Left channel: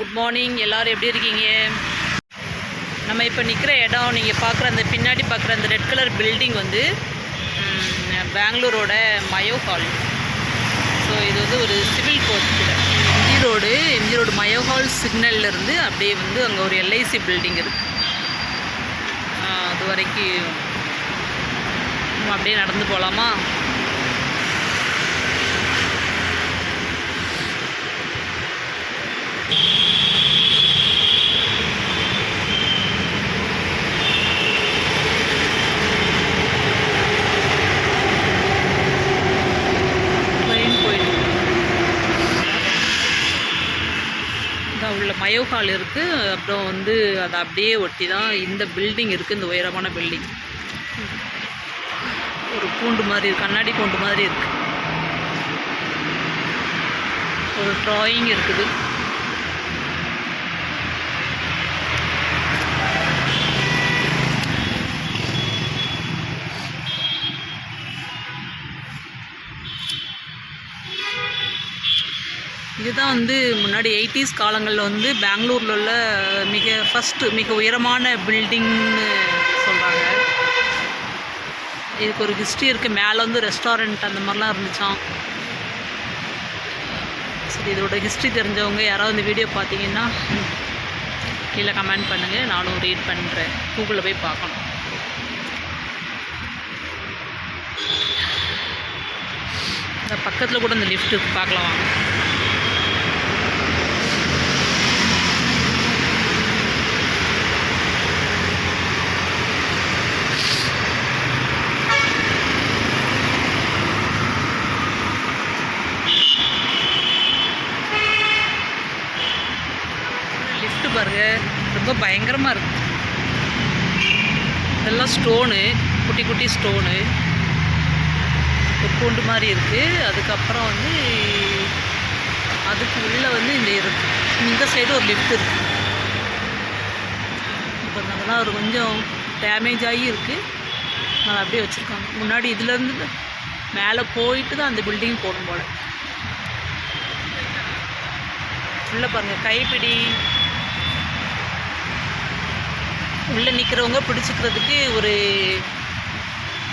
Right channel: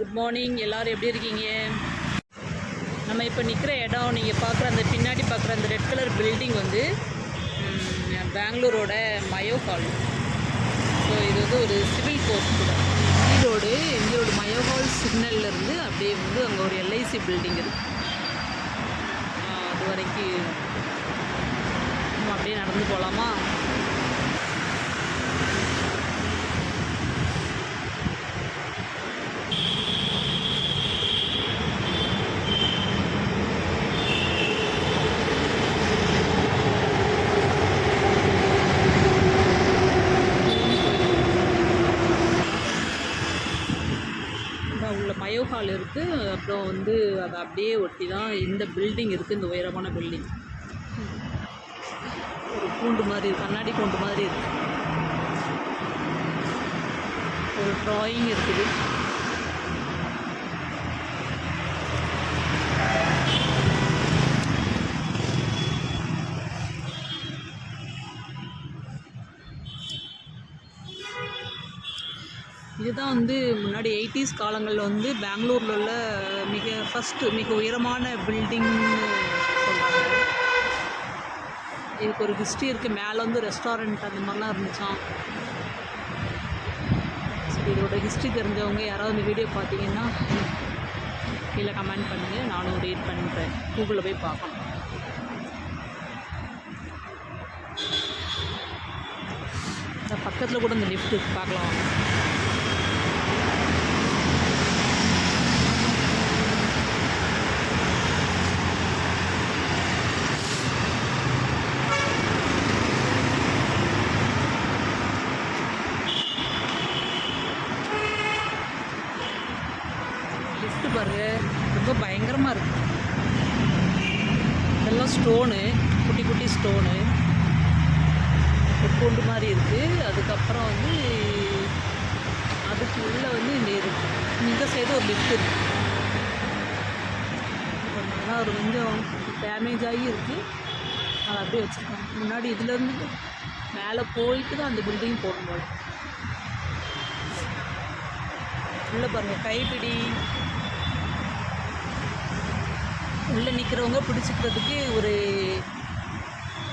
Good morning. எல்லோரும் எப்படி இருக்கீங்க? நம்ம இப்போ நிற்கிற இடம் நீங்கள் பார்க்குற அந்த பின்னாடி பார்க்குற அந்த ரெட் கலர் பில்டிங் வந்து பெங்களூரோட மயோ ஹால். ஸோ இது வந்து ஒரு சிவில் கோர்ட் கூட. எம்ஜி ரோடு மயோ ஹால் சிக்னல்லேருந்து அப்படியே வந்து அங்கே ஒரு எல்ஐசி பில்டிங் இருக்குது. அது வரைக்கும் நம்ம அப்படியே நடந்து போகலாமா? உள்ள மயோ ஹால் இருக்குது. அப்புறம் வந்து அதை அப்படியே ஒட்டி தான் இந்த பில்டிங் இருக்குது. இந்த உயரமான பில்டிங் ஒரு கூண்டு மாதிரி இருக்குது, கண்ணாடி கூண்டு மாதிரி இருக்குது. ஒரு ட்ராயிங் இருக்குது. இதுதான் வந்து முன்னாடி 80s காலங்களில் வந்து பெங்களூரில் உள்ள மிக உயரமான பில்டிங்னு சொல்கிறாங்க. இதுக்கு ஒரு ஹிஸ்ட்ரி இருக்குது. மேலே வந்து ரெஸ்டாரண்ட் அந்த மாதிரிலாம் இருந்துச்சான். சரி, இதோட ஹிஸ்ட்ரி தெரிஞ்சவங்க யாராவது இந்த வீடியோ பார்த்தீங்கன்னா கீழே கமெண்ட் பண்ணுங்கள். நானும் ரீட் பண்ணுறேன். கூகுளில் போய் பார்க்கணும். இந்த பக்கத்தில் கூட இந்த லிஃப்ட் இருக்குது, பார்க்கலாம் வாங்க. லிஃப்ட் பாருங்க, ரொம்ப பயங்கரமாக இருக்குது. இதெல்லாம் ஸ்டோனு, குட்டி குட்டி ஸ்டோனு, ஒரு கூண்டு மாதிரி இருக்குது. அதுக்கப்புறம் வந்து அதுக்கு உள்ளே வந்து இந்த சைடு ஒரு லிஃப்ட் இருக்குது. இப்போ அதெல்லாம் ஒரு கொஞ்சம் டேமேஜ் ஆகி இருக்குது. அதை அப்படியே வச்சுருக்காங்க. முன்னாடி இதுலேருந்து மேலே போயிட்டு தான் அந்த பில்டிங் போகணும் போல். உள்ளே பாருங்கள், கைப்பிடி உள்ளே நிற்கிறவங்க பிடிச்சிக்கிறதுக்கு ஒரு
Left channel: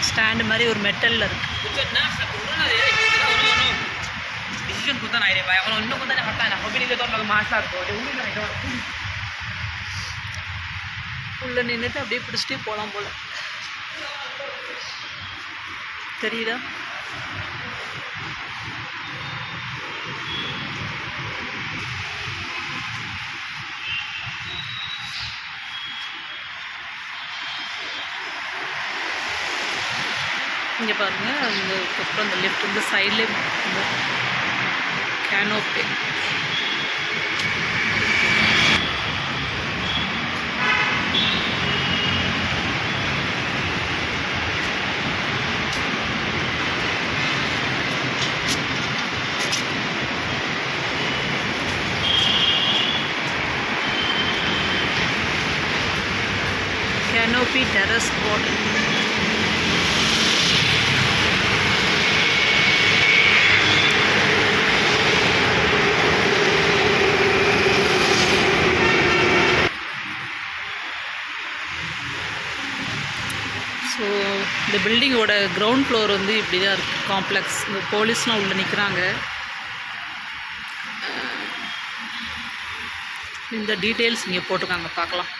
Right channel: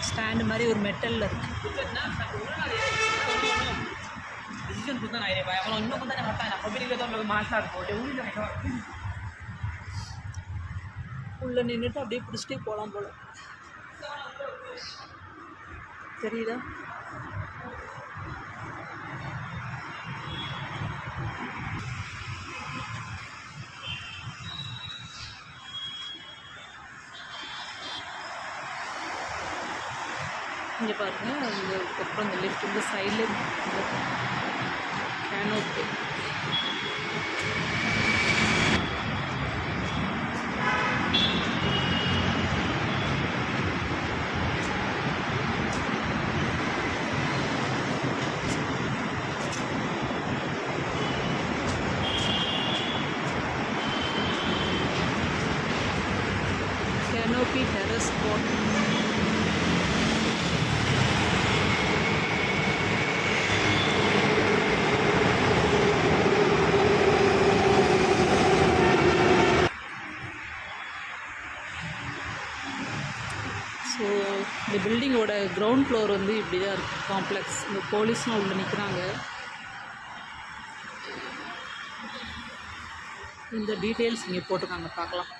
ஸ்டாண்டு மாதிரி ஒரு மெட்டலில் இருக்குது. உள்ளே நின்றுட்டு அப்படியே பிடிச்சிட்டே போகலாம் போல். தெரியுதா? இங்கே பாருங்கள், அதுக்கப்புறம் அந்த லெஃப்ட் இந்த சைட்லேயே canopy. Canopy terrace garden. So இந்த பில்டிங்கோட கிரவுண்ட் ஃப்ளோர் வந்து இப்படி தான் இருக்குது. காம்ப்ளெக்ஸ். இந்த போலீஸ்லாம் உள்ளே நிற்கிறாங்க. இந்த டீட்டெயில்ஸ் இங்கே போட்டிருக்காங்க, பார்க்கலாம்.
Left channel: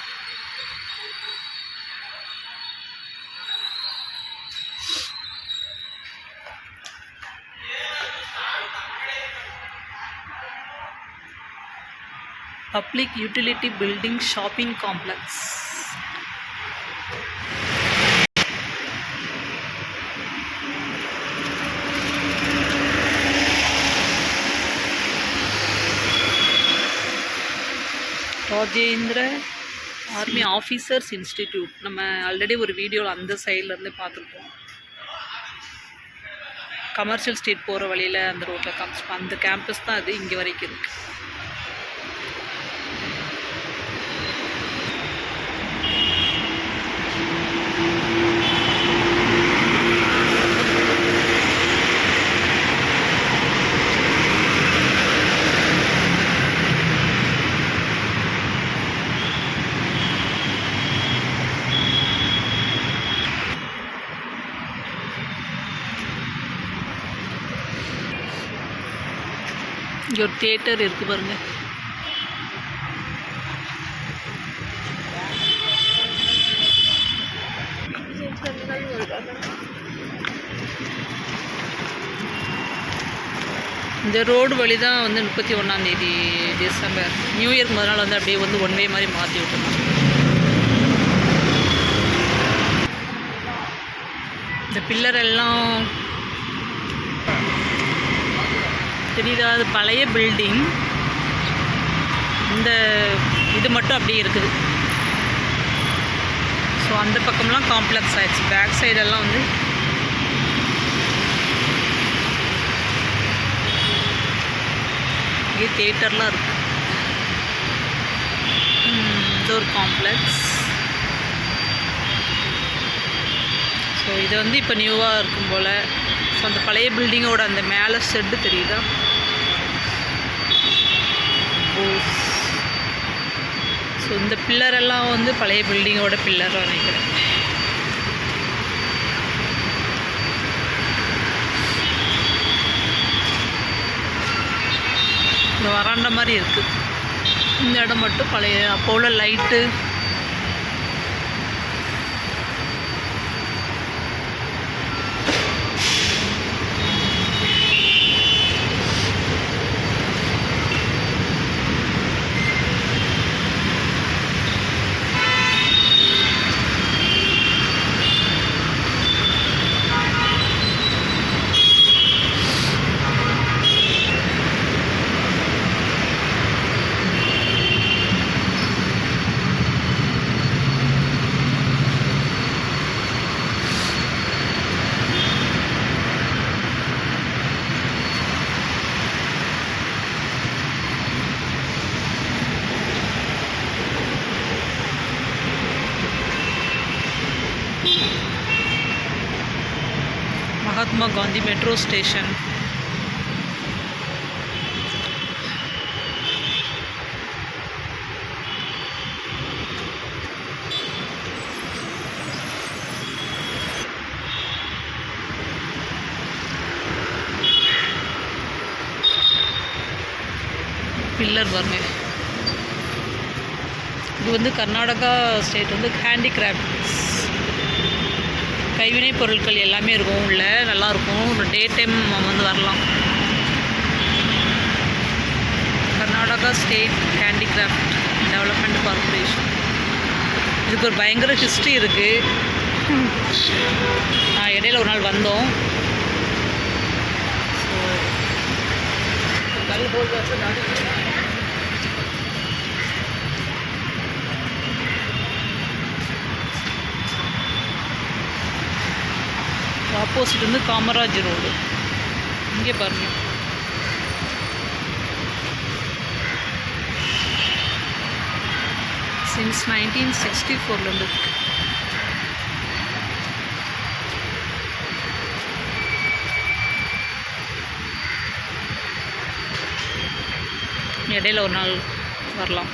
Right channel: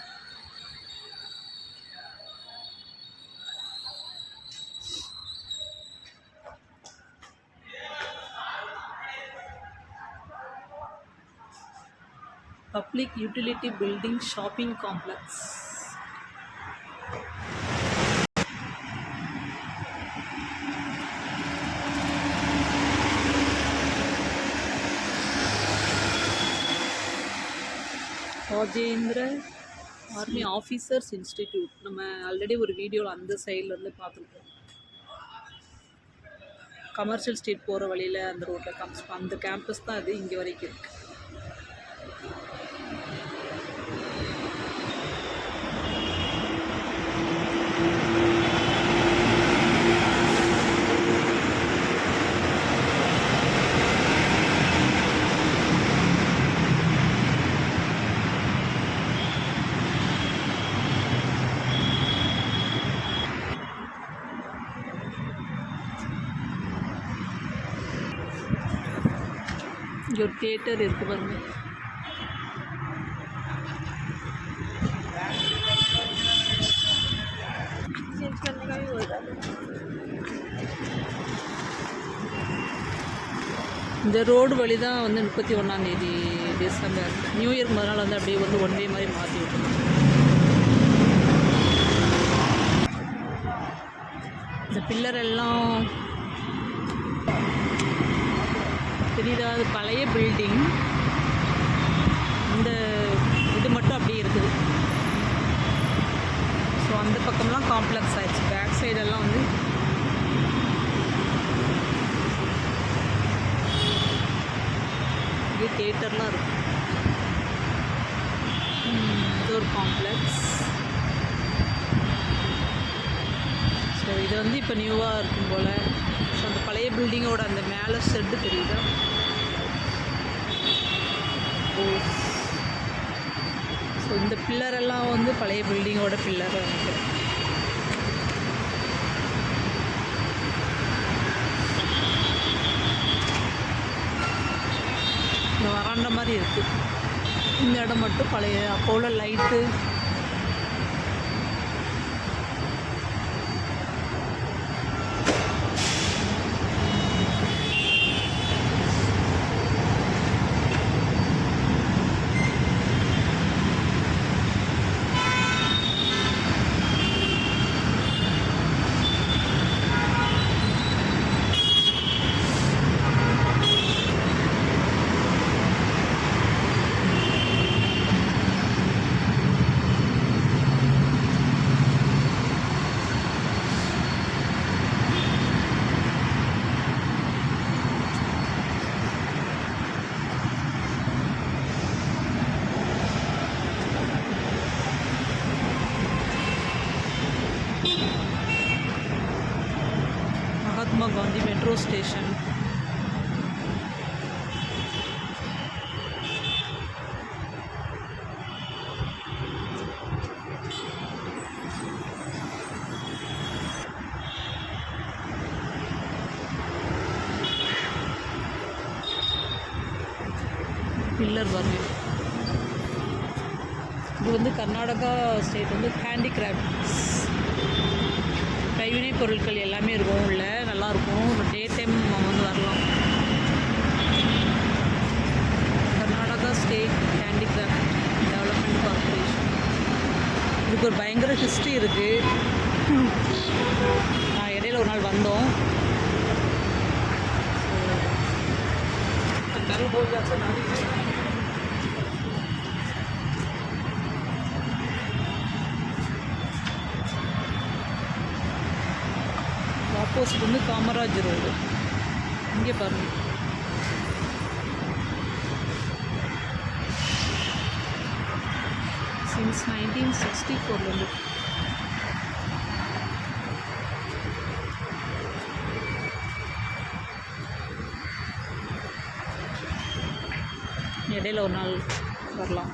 Public utility building shopping complex. Rajendra army officers institute. நம்ம ஆல்ரெடி ஒரு வீடியோவில் அந்த சைட்லேருந்து பார்த்துருப்போம். கமர்ஷியல் ஸ்ட்ரீட் போகிற வழியில் அந்த ரோட்டில் அந்த கேம்பஸ் தான் அது. இங்கே வரைக்கும் இருக்குது. இங்கே ஒரு தியேட்டர் இருக்குது பாருங்கள். இந்த ரோடு வழி தான் வந்து 31 டிசம்பர் நியூ இயர்க்கு முதல் வந்து அப்படியே வந்து ஒன் வே மாதிரி மாற்றி விட்டுருந்தாங்க. இந்த பில்லர் எல்லாம் தெரியுதா? அது பழைய பில்டிங். இந்த இது மட்டும் அப்படியே இருக்குது. ஸோ அந்த பக்கம்லாம் காம்ப்ளெக்ஸ் ஆகிடுச்சு. பேக் சைடெல்லாம் வந்து இங்கே தியேட்டர்லாம் இருக்குது. இது ஒரு காம்ப்ளெக்ஸ். ஸோ இது வந்து இப்போ நியூவாக இருக்கும் போல். ஸோ அந்த பழைய பில்டிங்கோட அந்த மேலே ஷெட்டு தெரியுதா? ஸோ இந்த பில்லரெல்லாம் வந்து பழைய பில்டிங்கோட பில்லர் நினைக்கிறேன். இந்த வராண்ட மாதிரி இருக்குது. இந்த இடம் மட்டும் பழைய அப்போ உள்ள light. Mahatma Gandhi metro station. Pillar பாருங்க. இது வந்து கர்நாடகா ஸ்டேட் வந்து ஹேண்டிகிராஃப்ட்ஸ் கைவினைப் பொருட்கள் எல்லாமே இருக்கும். உள்ள நல்லாயிருக்கும். ஒரு டே டைம் நம்ம வந்து வரலாம். Karnataka state handicraft development corporation. இதுக்கு ஒரு பயங்கர ஹிஸ்ட்ரி இருக்குது. இடையில ஒரு நாள் வந்தோம். ஆப்போசிட் வந்து காமராஜ் ரோடு. இங்கே பாருங்கள். சின்ஸ் 1964 இடையில ஒரு நாள் வரலாம்.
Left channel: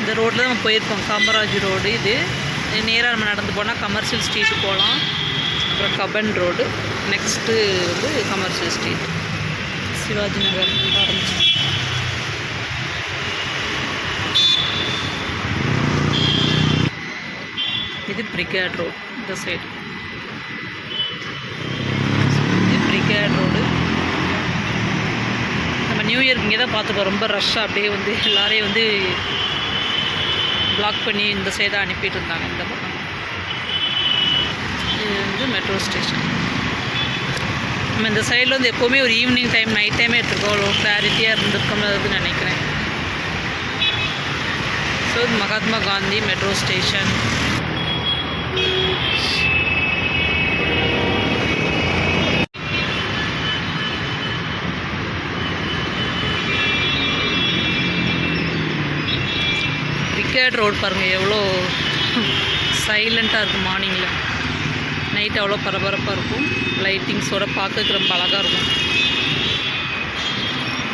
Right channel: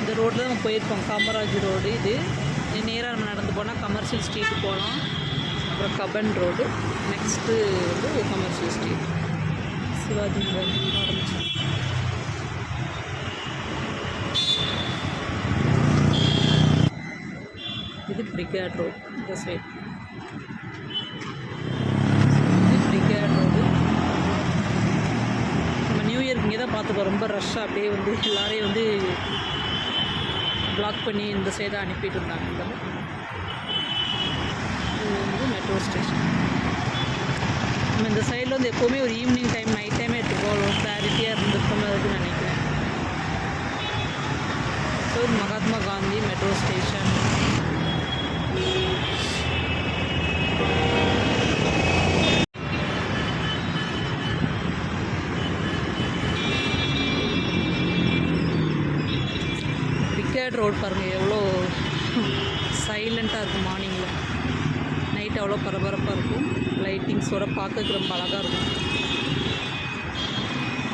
இந்த ரோட்டில் நம்ம போயிருக்கோம். காமராஜ் ரோடு. இது நேராக நம்ம நடந்து போனால் கமர்ஷியல் ஸ்ட்ரீட்டு போகலாம். அப்புறம் கபன் ரோடு. நெக்ஸ்ட்டு வந்து கமர்ஷியல் ஸ்ட்ரீட். சிவாஜி நகர் ஆரம்பிச்சு. இது பிரிகேட் ரோடு. இந்த சைடு இது பிரிகேட் ரோடு. நம்ம நியூ இயர்க்கு இங்கே தான் பார்த்துருக்கோம். ரொம்ப ரஷ்ஷாக அப்படியே வந்து எல்லாரையும் வந்து பிளாக் பண்ணி இந்த சைடாக அனுப்பிட்டு இருந்தாங்க. இந்த பக்கம் இது வந்து மெட்ரோ ஸ்டேஷன். நம்ம இந்த சைடில் வந்து எப்போவுமே ஒரு ஈவினிங் டைம் நைட் டைமே எடுத்துருக்கோம். கிளாரிட்டியாக இருந்திருக்கோம்னு நினைக்கிறேன். So Mahatma Gandhi metro station. Desired road பாருங்கள் எவ்வளோ சைலண்ட்டாக இருக்கும். மார்னிங்கில் நைட் அவ்வளோ பரபரப்பாக இருக்கும். லைட்டிங்ஸோடு பார்க்கறதுக்கு ரொம்ப அழகாக இருக்கும்.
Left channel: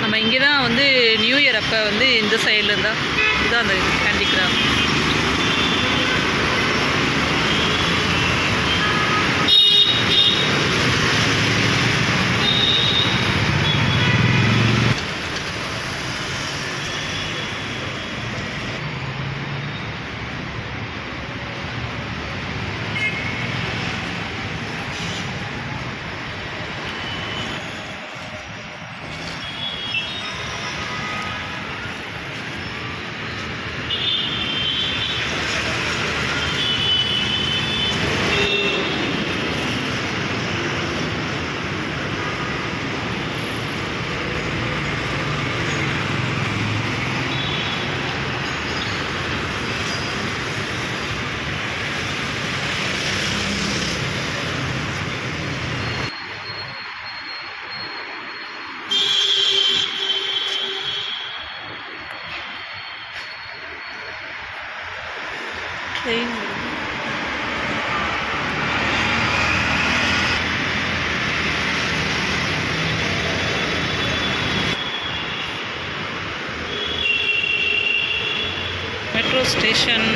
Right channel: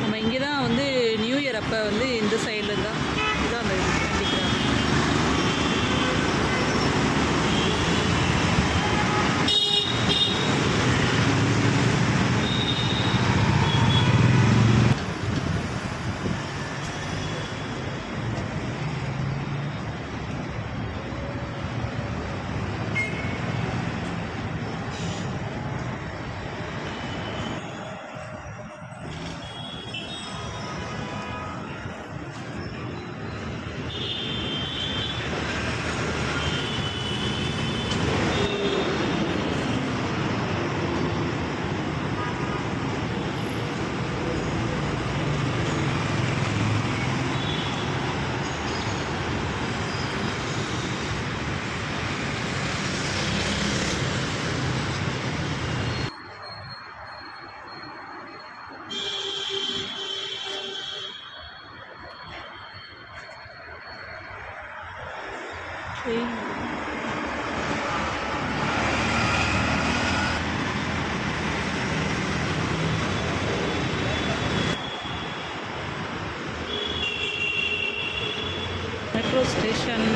நம்ம இங்கே தான் வந்து நியூ இயர் அப்போ வந்து இந்த சைடில் இருந்தால் இதுதான் அந்த handicraft. Metro station.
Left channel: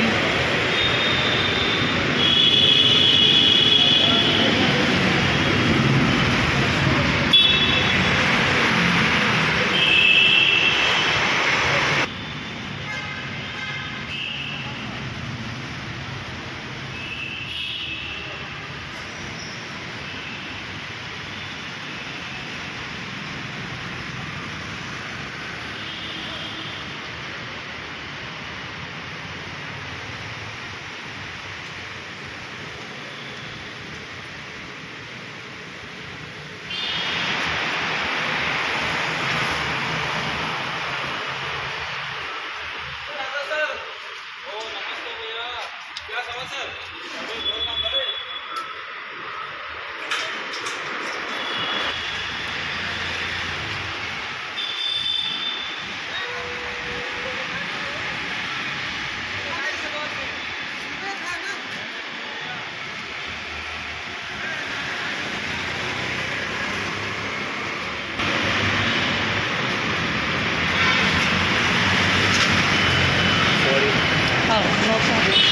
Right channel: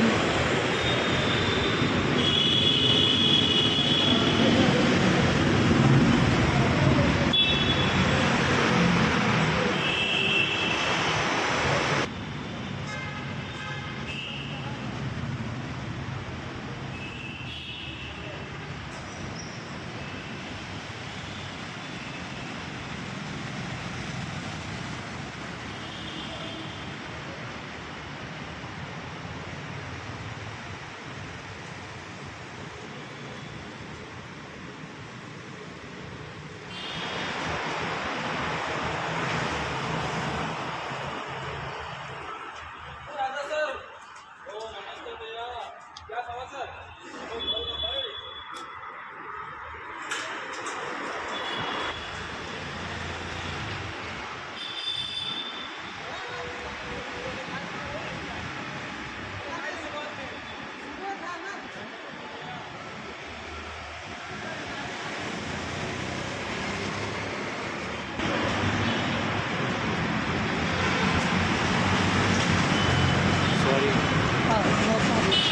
Oh, no problem.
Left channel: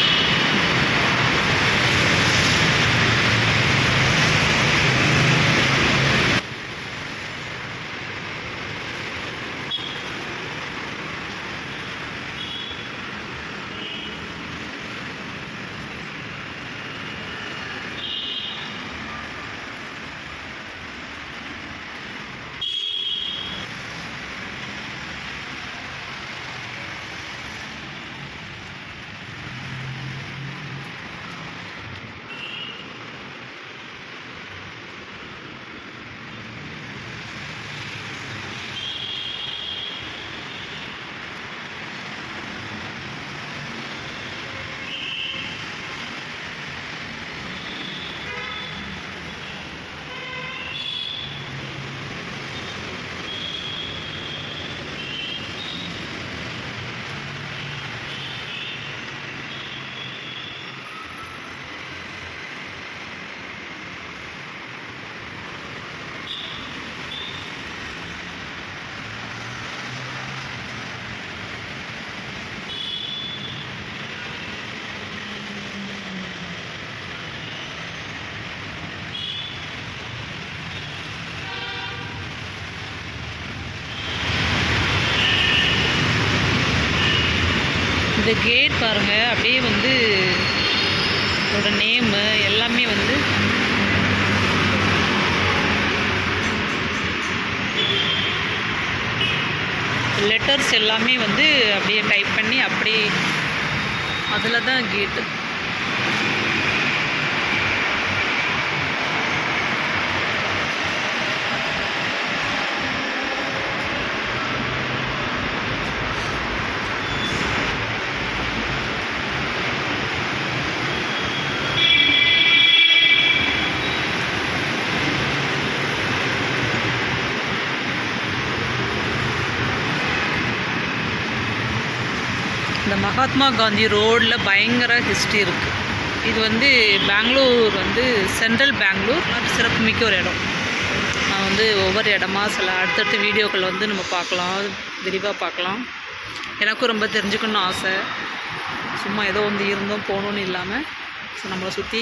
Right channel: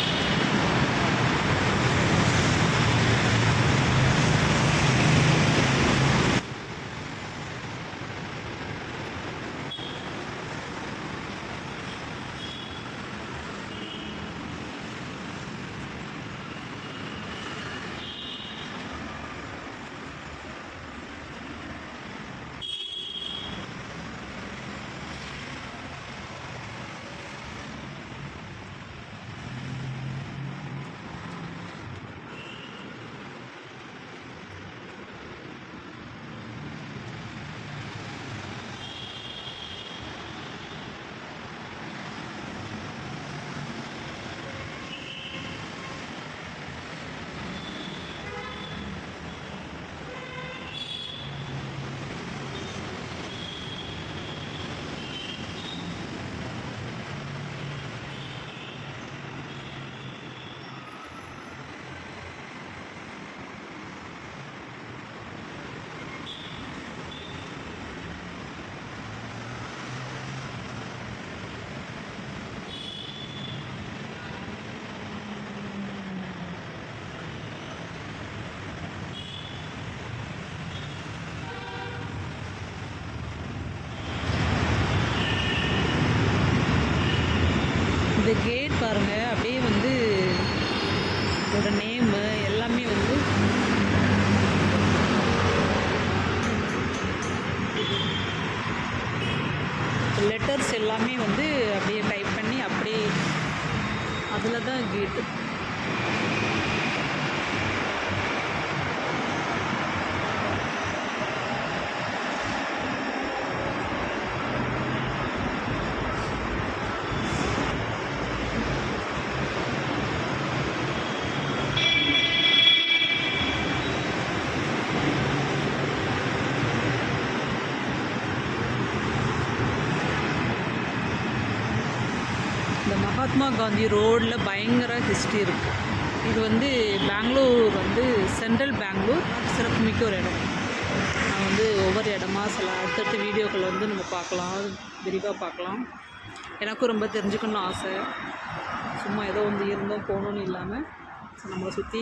இந்த கேட் பாருங்கள், அப்படியே வந்து இதோட நேமு எல்லாமே வந்து லெட்டர்ஸ் எல்லாமே வந்து அப்படியே டைப் பண்ணி அப்படியே அதில் தான் கேட்டு. இந்த மகாத்மா காந்தி ரோடில் பயங்கர ஹிஸ்ட்ரி இருக்குது. இது வந்து பெங்களூர் வந்து சென்ட்ரல் பெங்களூர், அது சிறப்புமிக்க ஒரு இடம். நான் வந்து ஒவ்வொரு இடமா சில அடுத்தடுத்த வீடியோக்கள் வந்து நம்ம பார்க்கலாம், விரிவாக பார்க்கலாம். எனக்கும் ரொம்ப தெரிஞ்சுக்கணும்னு ஆசை. சும்மா ஏதோ வந்து இருந்தோம் போகணுன்னு இல்லாமல் ஸோ நம்மளை சுற்றி,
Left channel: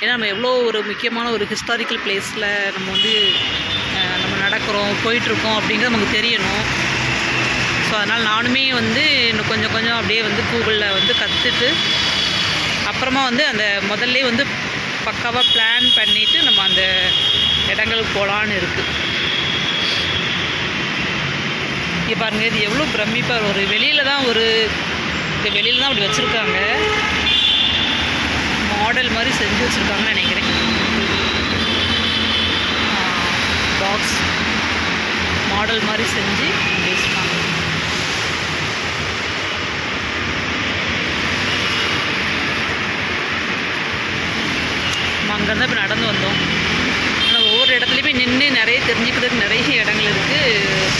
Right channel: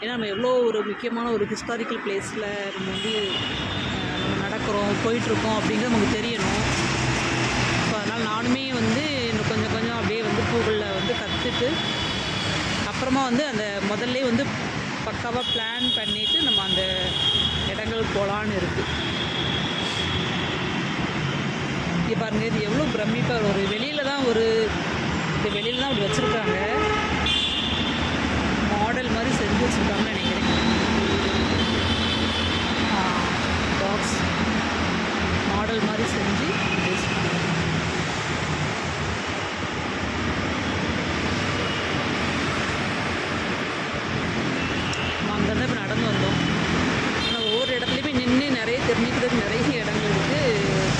ஏன்னா நம்ம எவ்வளோ ஒரு முக்கியமான ஒரு ஹிஸ்டாரிக்கல் பிளேஸில் நம்ம வந்து நம்ம நடக்கிறோம் போயிட்டுருக்கோம் அப்படிங்கிறது நமக்கு தெரியணும். ஸோ அதனால் நானுமே வந்து இன்னும் கொஞ்சம் கொஞ்சம் அப்படியே வந்து கூகுளில் வந்து கற்றுட்டு அப்புறமா வந்து அந்த முதல்ல வந்து பக்காவாக பிளான் பண்ணிவிட்டு நம்ம அந்த இடங்களுக்கு போகலான்னு இருக்குது. இங்கே பாருங்கள், இது எவ்வளோ பிரமிப்பாக ஒரு வெளியில் தான் அப்படி வச்சுருக்காங்க, மாடல் மாதிரி செஞ்சு வச்சுருக்காங்கன்னு நினைக்கிறேன். பாக்ஸ் மாடல் மாதிரி செஞ்சு வச்சுருக்காங்க. நம்ம அங்கேருந்து இப்போ நடந்து வந்தோம். ஆனால் ஒவ்வொரு இடத்துலையுமே நின்று நிறைய தெரிஞ்சுக்கிறதுக்கு நிறைய இடங்கள் இருக்குது,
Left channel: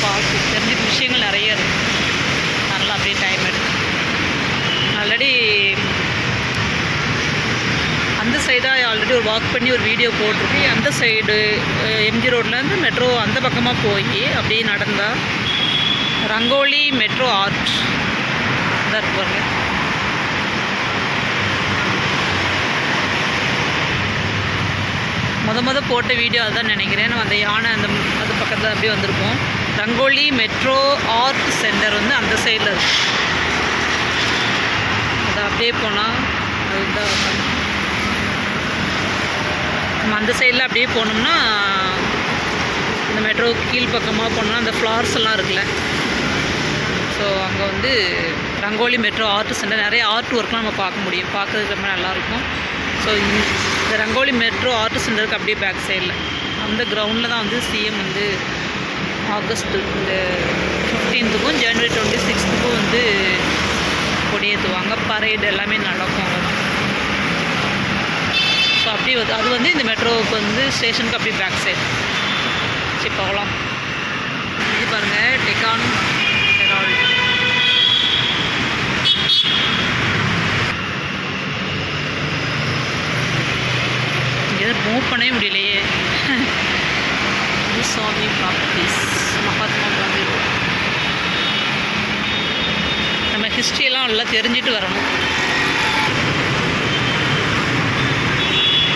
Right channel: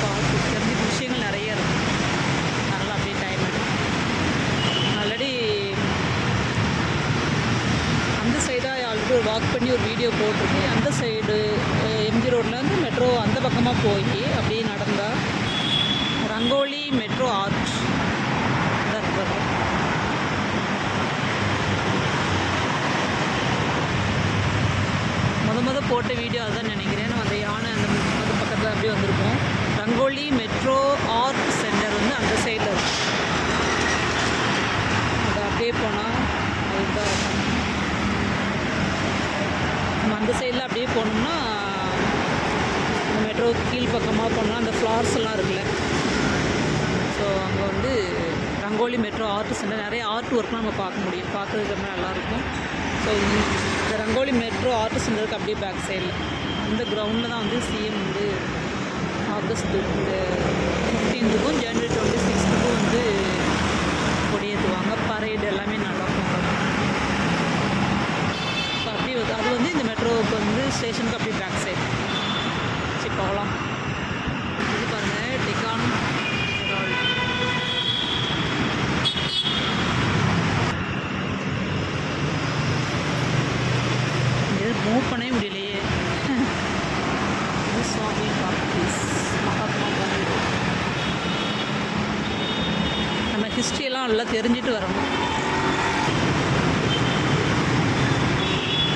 பார்த்து தெரிஞ்சுக்க விஷயங்கள் நிறைய இருக்குது. அதனால் அப்படியே டைம் எடுக்கும். ஆல்ரெடி அந்த சைடாக ஆல்ரெடி ஒரு வாக் பண்ணி ஒரு வீடியோ போட்டிருக்கேன். அந்த சைடு எம்ஜி ரோட்லேருந்து மெட்ரோ அந்த பக்கமாக போய் அப்படியே நடந்தால் ரங்கோலி மெட்ரோ ஆர்ட் தான் இருக்கு பாருங்க. முத போட்ட வீடியோ அதுதான் நினைக்கிறேன். நம்ம அந்த யானை அது பக்கத்தில் அப்படியே வந்திருக்கோம். ரங்கோலி மெட்ரோ ஆர்ட் சென்டர் வந்து அந்த சைடில் இருக்குது. அது அப்படியே போனால் அதுதான் நம்ம அந்த சைடில் அப்படியே போனோம்னா இந்த மெட்ரோ கீழ் பக்கமாக போனோம்னா அந்த ஃப்ளார்ஸ் எல்லாம் இருக்குல்ல, ஸோ அங்கே வந்து ரங்கோலி மெட்ரோ ஆர்ட் சென்டர் நிறைய ஆர்ட் ஒர்க்லாம் நம்ம பார்க்க முடியும். பார்க்குறதுக்கு ரொம்ப நல்லாயிருக்கும். ஸோ இந்த ரங்கோலி மெட்ரோ ஆர்ட் சென்டருக்கு அப்படியே பேக் சைடில் அந்த கிரவுண்டில் தான் வந்து சிஎம் வந்து ஆகஸ்ட் இந்த 15க்கும் ஜனவரி 26க்கும் வந்து கொடியேற்றுவாங்க. பரேடு எல்லாமே நடக்கும் அங்கே தான். ஸோ அப்படி அது வந்து இந்த மெட்ரோவுக்கு வந்து ஸ்டேஷனுக்கு அப்படியே பேக் சைடு. சரி போகலாம். இது பாருங்கள், டெக்கான் ஹெரால்ட். மூவ் பண்ணவே முடியலையே. சாமி ப்ராப்பர்ட்டிஸ், மகாத்மா காந்தி ரோடு. நம்ம ஹிஸ்ட்ரியெல்லாம் நல்லா தெரிஞ்சுட்டு வரணும்.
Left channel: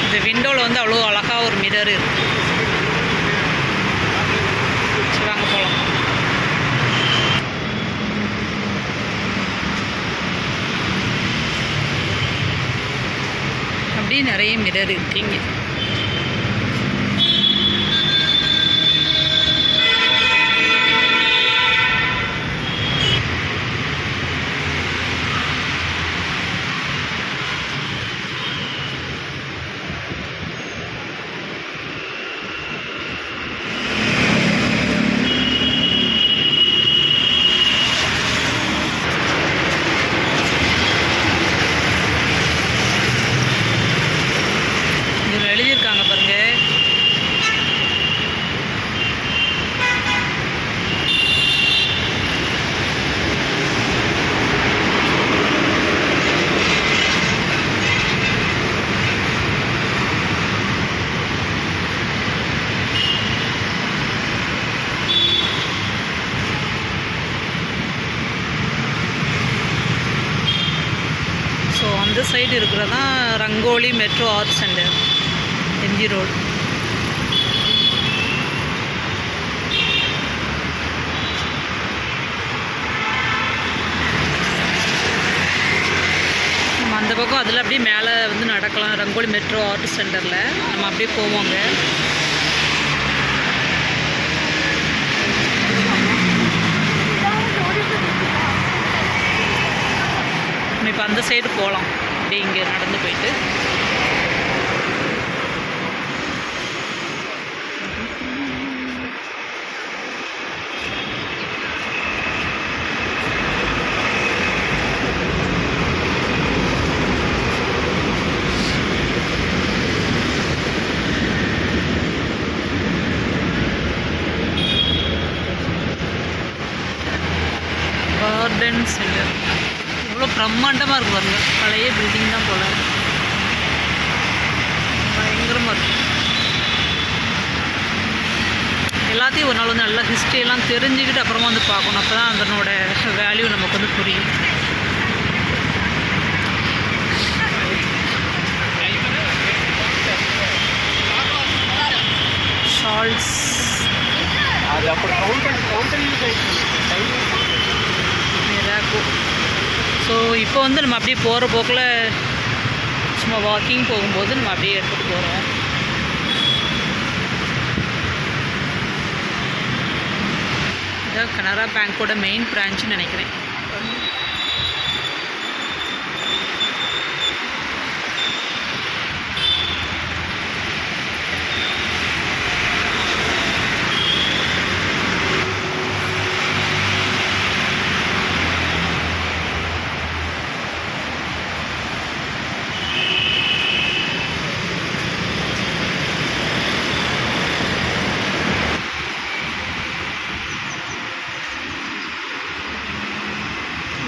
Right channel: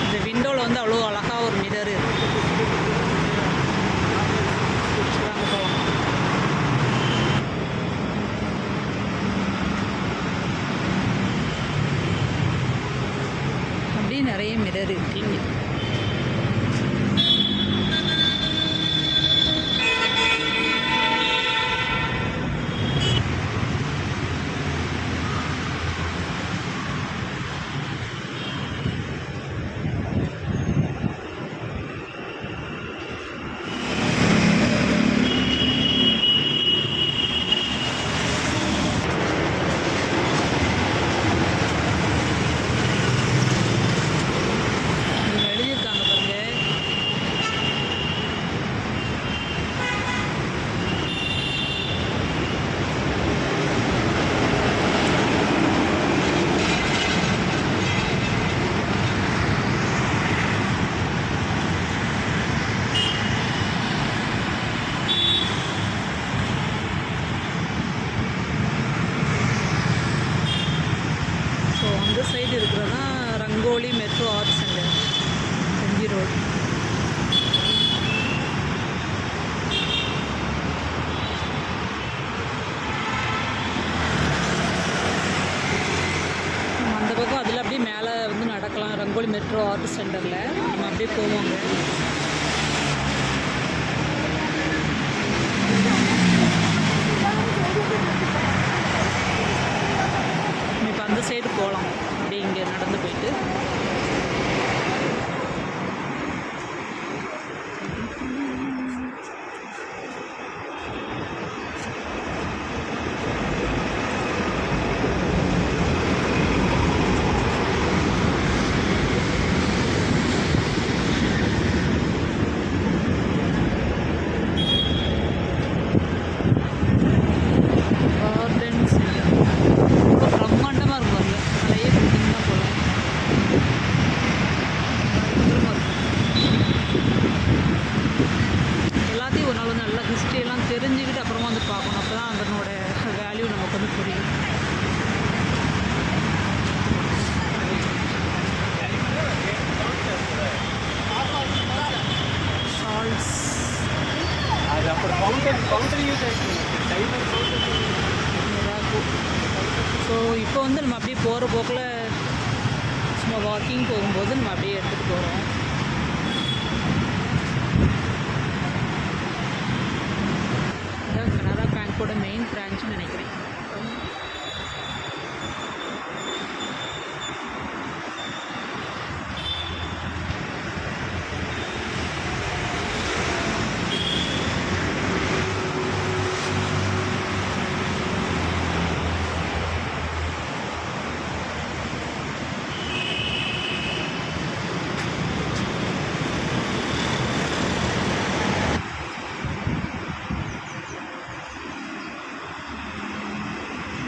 இந்த விண்டோவில் வந்து அவ்வளோ அழகாக ஒரு மிரர் இருக்குது. வாங்க போகலாம். அப்படியே நிறைய மிரர் இருக்குது இங்கே. எழுதியிருக்காங்க பாருங்க. ஸோ அந்த சைடு இருக்கிறதான் Rangoli metro art centre, MG road. நம்ம அந்த பக்கம் அதில் அப்படியே மேலே வந்து நடக்கலாம். ரங்கோலி மெட்ரோ ஆர்ட் சென்டரில் நம்ம அப்படியே போவோங்க. நம்ம இப்போ அந்த சைடு போகலாம். அப்படியே இங்கே நடந்து போயிட்டு கார்டன் சென்டர். இவ்வளோ பிரம்மாண்டமாக இருக்கும் பாருங்க. பழைய பில்டிங் தான் போல், பயங்கரமாக இருக்கும். எல்லாத்தையும் ஒரு நாள் வந்து நல்லா ஹிஸ்ட்ரியெல்லாம் தெரிஞ்சுக்கிட்டு அப்புறமா வந்து பார்க்கணும். அப்போ தான் அதனோட வேல்யூ நமக்கு வந்து புரியும். ஷால்ஸ் மிராக்கோ. ஸோ இப்போ வந்து நம்ம அப்படியே போகிற போக்கில் சும்மா வாக்கிங் போகும்போது நம்ம அப்படியே எடுத்துகிட்டு போகிறோம். இதுதான் கனரா பேங்க்கோட மெயின் பிரான்ச்சுன்னு நினைக்கிறேன்.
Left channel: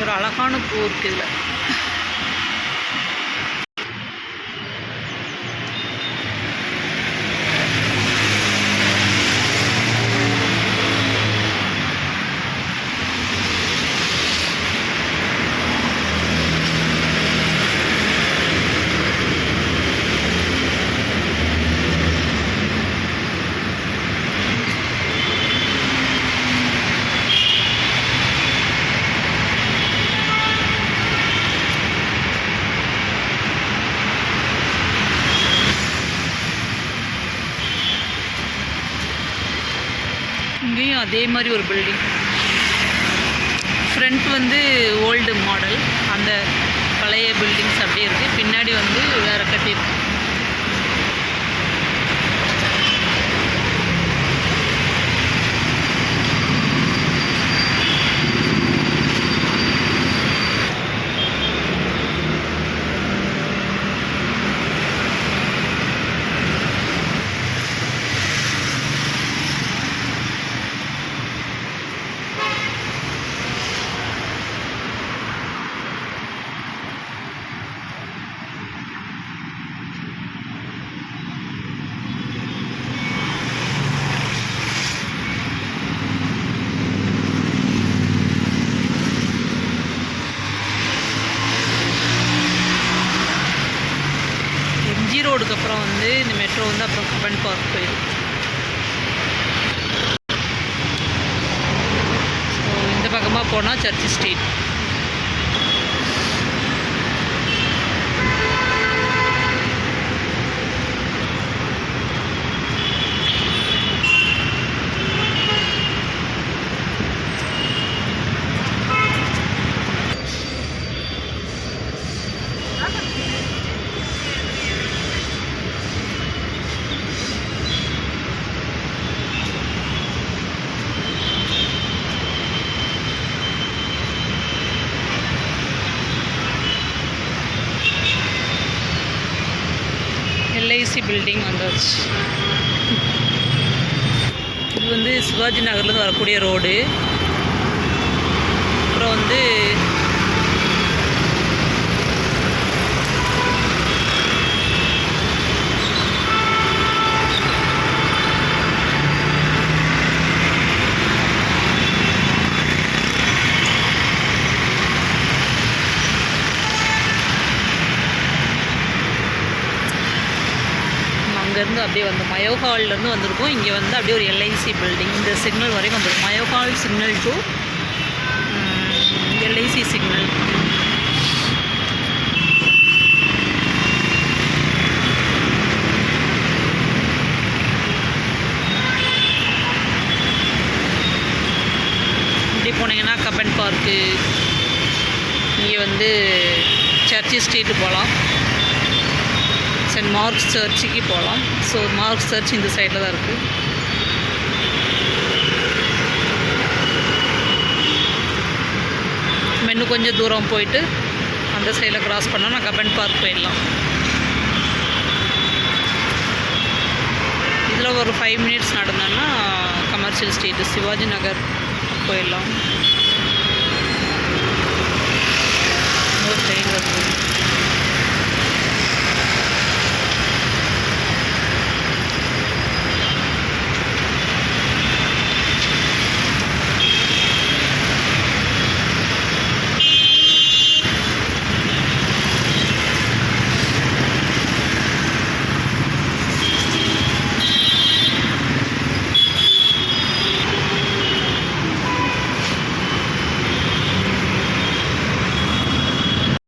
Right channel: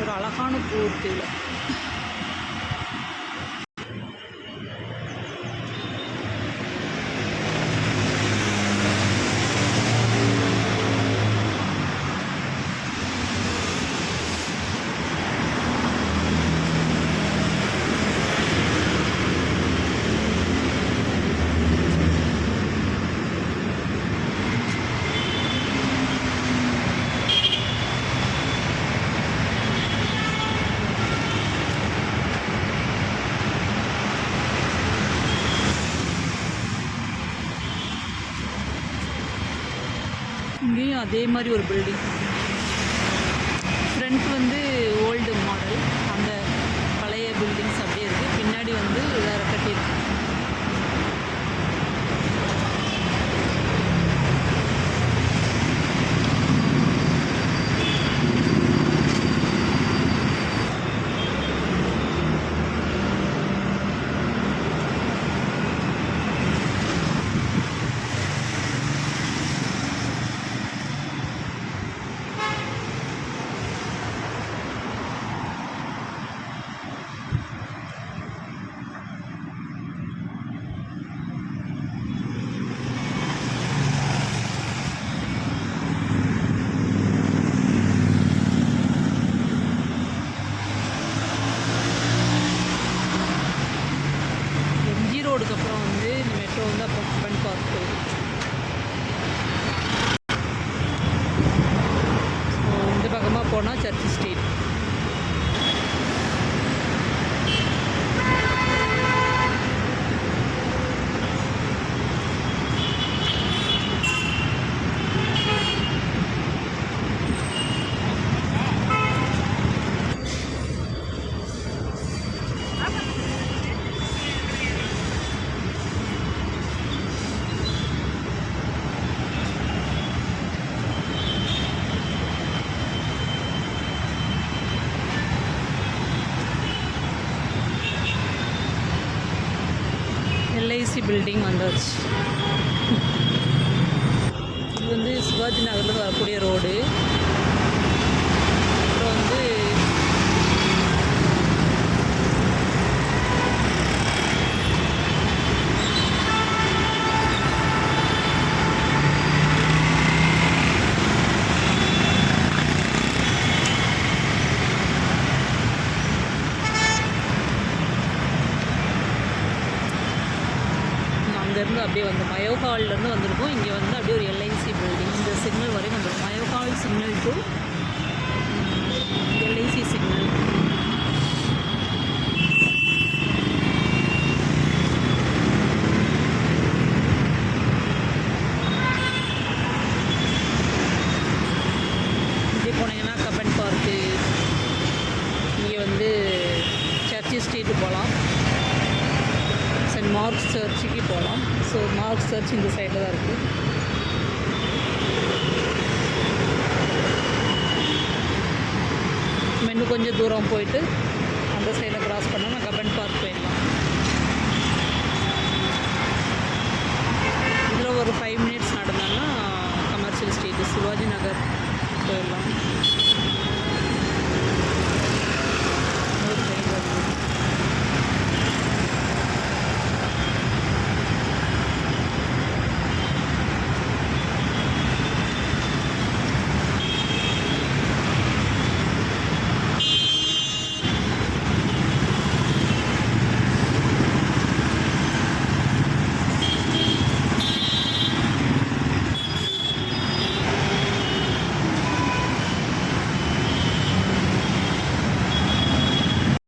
ஒரு அழகான பூ இருக்குது இதில். இங்கேயும் அதே மாதிரி ஒரு பில்டிங். ஃப்ரண்ட் வந்து ஓல்டு மாடல், அந்த பழைய பில்டிங்ஸ் அப்படியே இருக்குது. பின்னாடி வந்து வேறு கட்டியிருக்கு. ரோடுக்கு அப்புறம் வந்து இந்த மெட்ரோ வந்து அப்புறம் கப்பன் பார்க் போயிடும். ஸோ இந்த பக்கமாக போனால் சர்ச் ஸ்ட்ரீட். எல்ஐசி பில்டிங் வந்துச்சு. இது வந்து சிவாஜி நகர்லேருந்து வரக்கூடிய ரோடு. அப்புறம் வந்து அங்கேருந்து அப்படியே வந்து மயோ ஹால்லேருந்து வந்திருக்கோம். இங்கே வந்து அப்படியே ஒரு எல்ஐசி பில்டிங் இந்த சிக்னல் வரைக்கும் வந்துருக்கும். Mayo hall signal to LIC signal. இப்படி போனீங்கன்னா கப்பன் பார்க்கு, இங்கே வந்து சர்ச்சி ஸ்ட்ரீட்டு போகலாம். சென்ட் மார்க்ஸ் சர்ச்சுக்கு போகலாம். ஸோ மார்க்ஸ் சர்ச் இந்த சைடில் தான் இருக்குது. இன்னும் கொஞ்சம் தூரம் போயிட்டு அந்த சைடில் கிராஸ் பண்ணால் நான் கப்பன் பார்க் போயிடலாம். இதில் ஒரு 5 minutes நடந்தோன்னா commercial street Shivaji Nagar போயிடலாம். இன்னொரு ட்ரெயின் வருது.